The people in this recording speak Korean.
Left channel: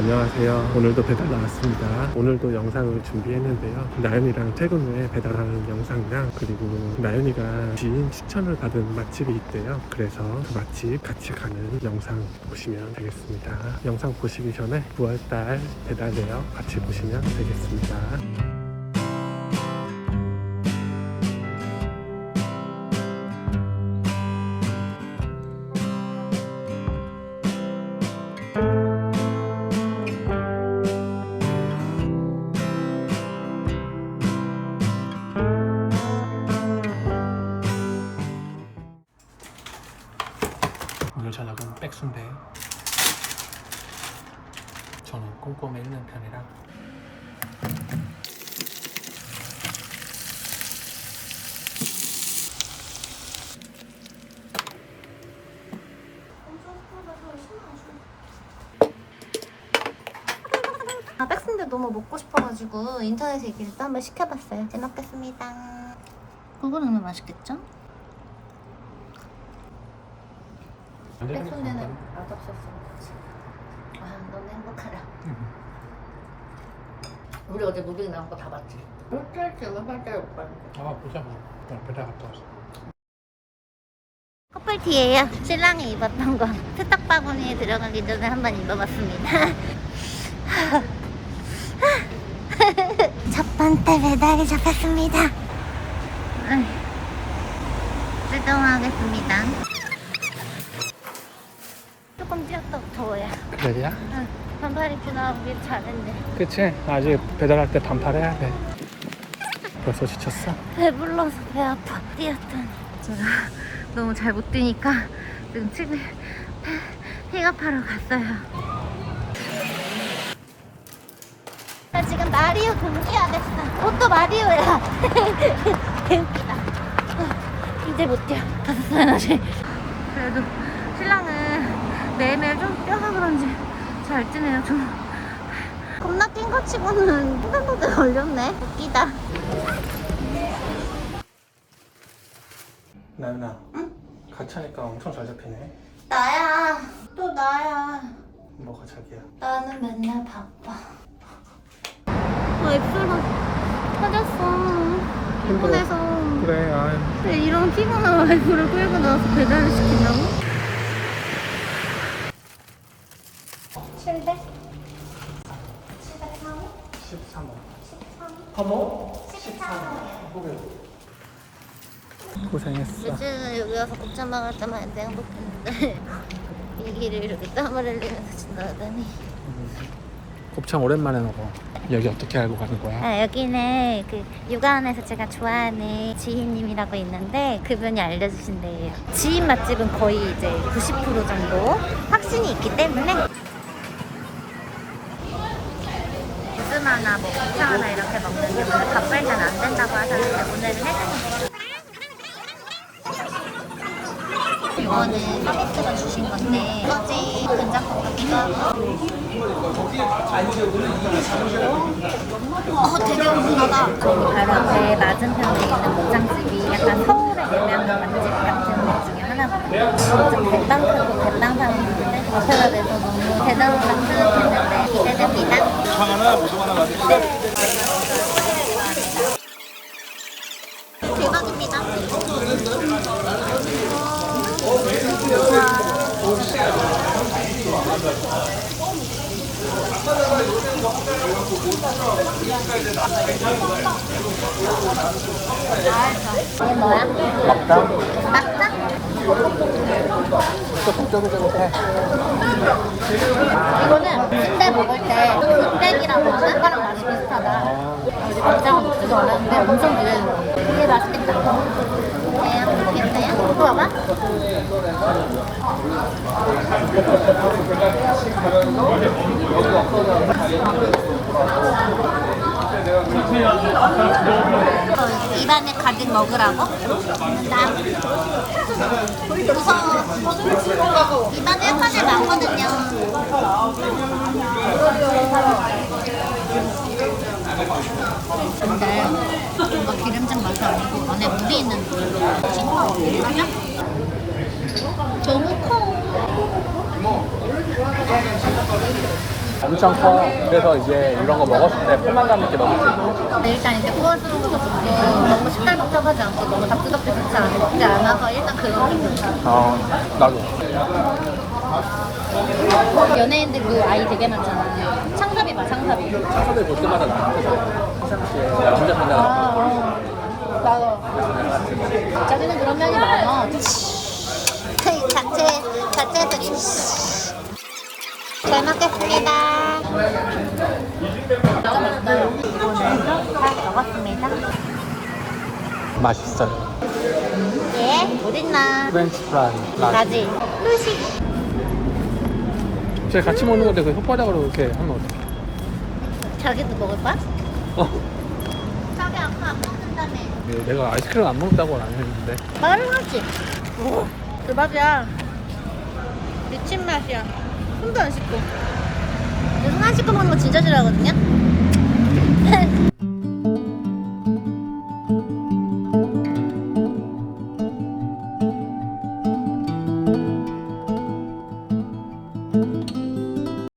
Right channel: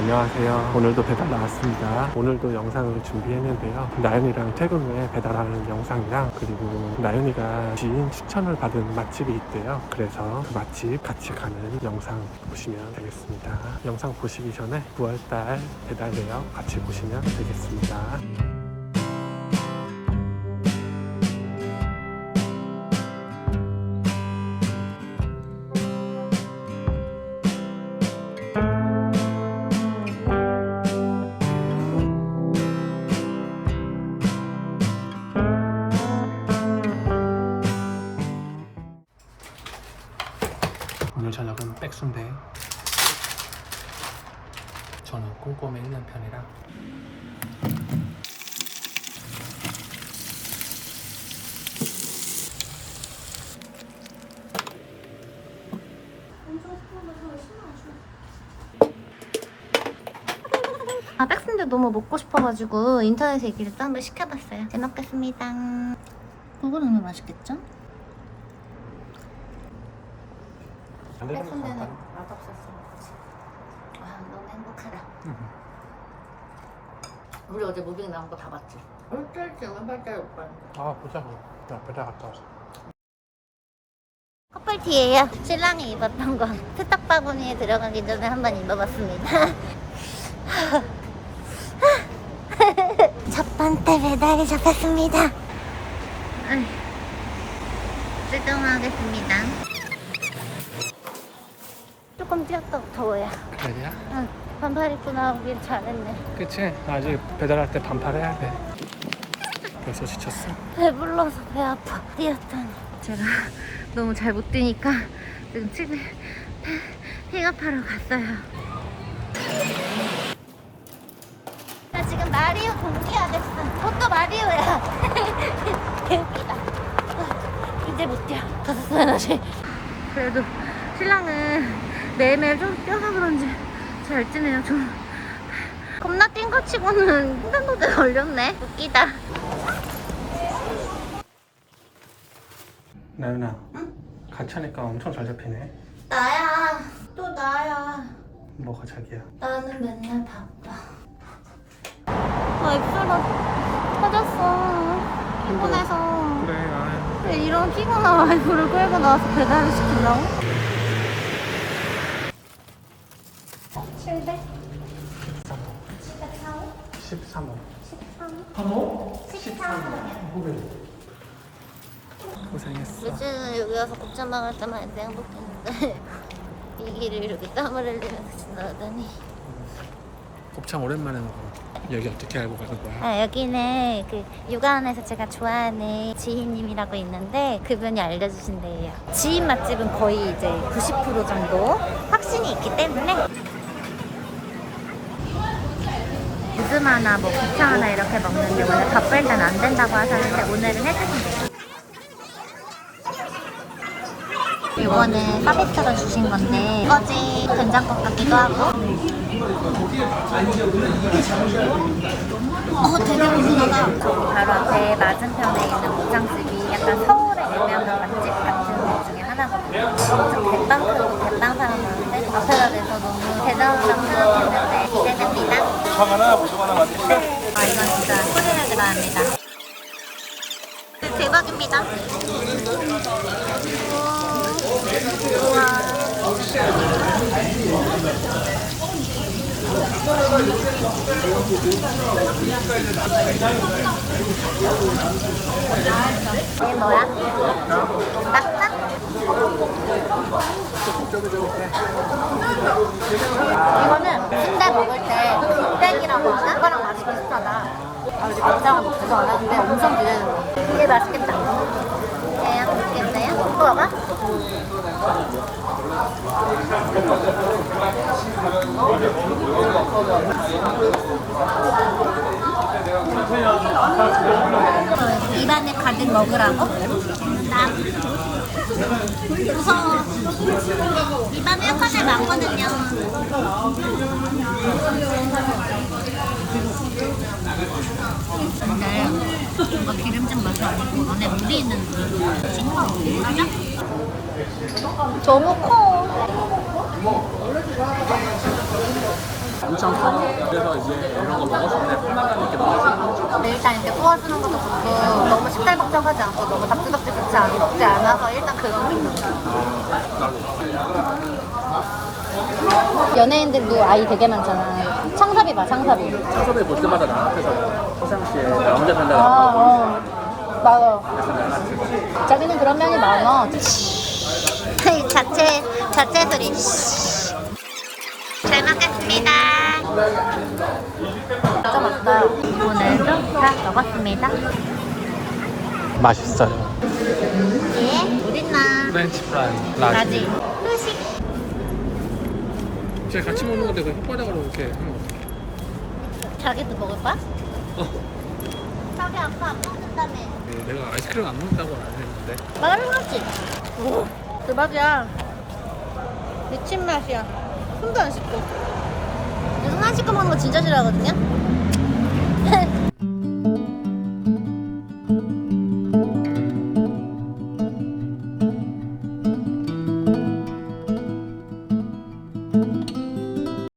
안녕하세요. 오늘도 배달 나왔습니다. 오늘도 영상을 준비했는데요. 나연이랑 퇴근 후에 배달하는 영상이랑 그리고 나연이가 지인 추천을 받은 맛집이 있대요. 그래서 그 맛집 같이 가는 영상 보시면 되겠습니다. 영상 보시기 전에 9월달 배달 내역 같이 보시면 되겠습니다. 아 백순대 너무 먹고 싶어가지고 인터넷에 얘기를 또 한번 시켜봤어요. 잘 먹겠습니다. 그거는 맛있겠죠? 백순대는 맛없을 수 없지. 와 너무 행복하다. 우리 어제 무빙 나온 거 다 봤지? 일주일쯤에 팔자리 못 봤는데. 아 보자 뭐. 나 배달 갔다 왔어. 커플티예요. 신랑이 입었던 거 세탁 바구니에 들어가기 전에 한번 입어봤습니다. 첫 번째 배달이 잡혔습니다. 출동하겠습니다. 조금 뛰었다고 더워요. 그래야? 응, 반팔 입고 나오길 잘했네. 그치? 아직 배달할 때 반팔 해야 돼. 벌써 지쳤어? 배불러서 배 아파. 뛰었더니 제가 너무 잘 못 뛰니까 지금 집에 픽업하러 갔어요. 나 지금 마리오 동기화 됐어. 옷도 마리오야. 개웃기다. 이제 못 뛰어. 다섯 살 나지. 그래도 신랑은 매일매일 좀 뛰어서 그런지 잘 뛰네요. 좀 겁나 뛴 거 치고는 횡단보도에 걸렸네. 웃기다. 나연아. 응? 같이 하니까 엄청 잘 잡히네. 나야. 또 나야. 뭐가 자기야? 나는 맨날 바빠. 아, 입술가 터졌어. 피곤해서. 그래, 아유. 근데 이런 피곤한 와이프를 끌고 나와서 배달을 시킨다고? 700? 13원. 13원? 3호? 13원. 900원. 고생했어. 요즘 여기 와서 곱창 먹을 때만 해도 행복했는데 이 길을 이렇게 땀을 흘리면서 지나가다니 곱창 오랜만에 먹어. 여기 어떻게 알고 가는 거야? 아, 여기는 그 육아원에서 제가 좋아하는 지인님이라고 있는데 그분이 알려주신대요. 지인 맛집은 거의 이제 90% 정도 확신이 있기 때문에 요즘 하나 뭐 곱창 하나 이렇게 먹는데 오늘 바쁠 땐 안 된다고 하셨는데 오늘은 해주신 이거는 서비스로 주신 건데 이거지 된장국 같기도 하고 어 되게 궁금하다. 바로 앞에 맞은편에 있는 목장집이 약간 서울의 유명한 맛집 같은 데 중에 하나거든요. 진짜 대빵 크고 대빵 사람 많은데 앞에가 돼서 너무 대단하다고 생각했는데 기대됩니다. 네. 아 이건 진짜 소리를 들어합니다. 대박입니다 이거는 순대 먹을 때 순대기라고 하나? 그거랑 맛이 비슷하다. 아, 우리 막장은 먹지도 않았는데 엄청 기대된다. 이게 맛있겠다. 이거 봐봐. 어, 입안에 가득 먹으라고? 나 무서워. 입안에 약간의 많거든요. 근데 뭔가 기름진 맛이 아니고 안에 물이 있는 싱거워. 맞아? 너무 커. 엄청 커. 그래서 이제 이런 거 먹었을 때 포만감 있게 먹을 수 있고. 근데 일단 이제 구워주는 것도 좋고 너무 시끌벅적하지 않고 너무 답지답지 좋지 않, 좋지 않아서 일단 그건 좀 좋아. 아, 나도. 연예인들 도 아이 되게 많잖아. 창섭이 봐, 창섭이. 청소대 볼 때마다 나한테서 평상시에 나 혼자 산다고 아, 어. 맞아. 자기는 그런 면이 많아. 자체, 자체 그림. 잘 먹겠습니다. 진짜 맛있다. 오늘도 다 먹었습니다. 맛있어요. 예, 어딨나? 프렌치 프라이. 라지. 후식. 제가 같이 먹는 건데 그 혓바닥으로 이렇게 하면 어떡해. 자기도 먹을 거야? 어. 자기 아빠 안 먹는다며. 네, 내가 아이스크림 안 먹는다고는 안 했는데. 나는 하지. 그 맛이야. 미친 맛이야. 손도 안 씻고. 내손안 씻고 먹는 거 진짜 싫어하거든요?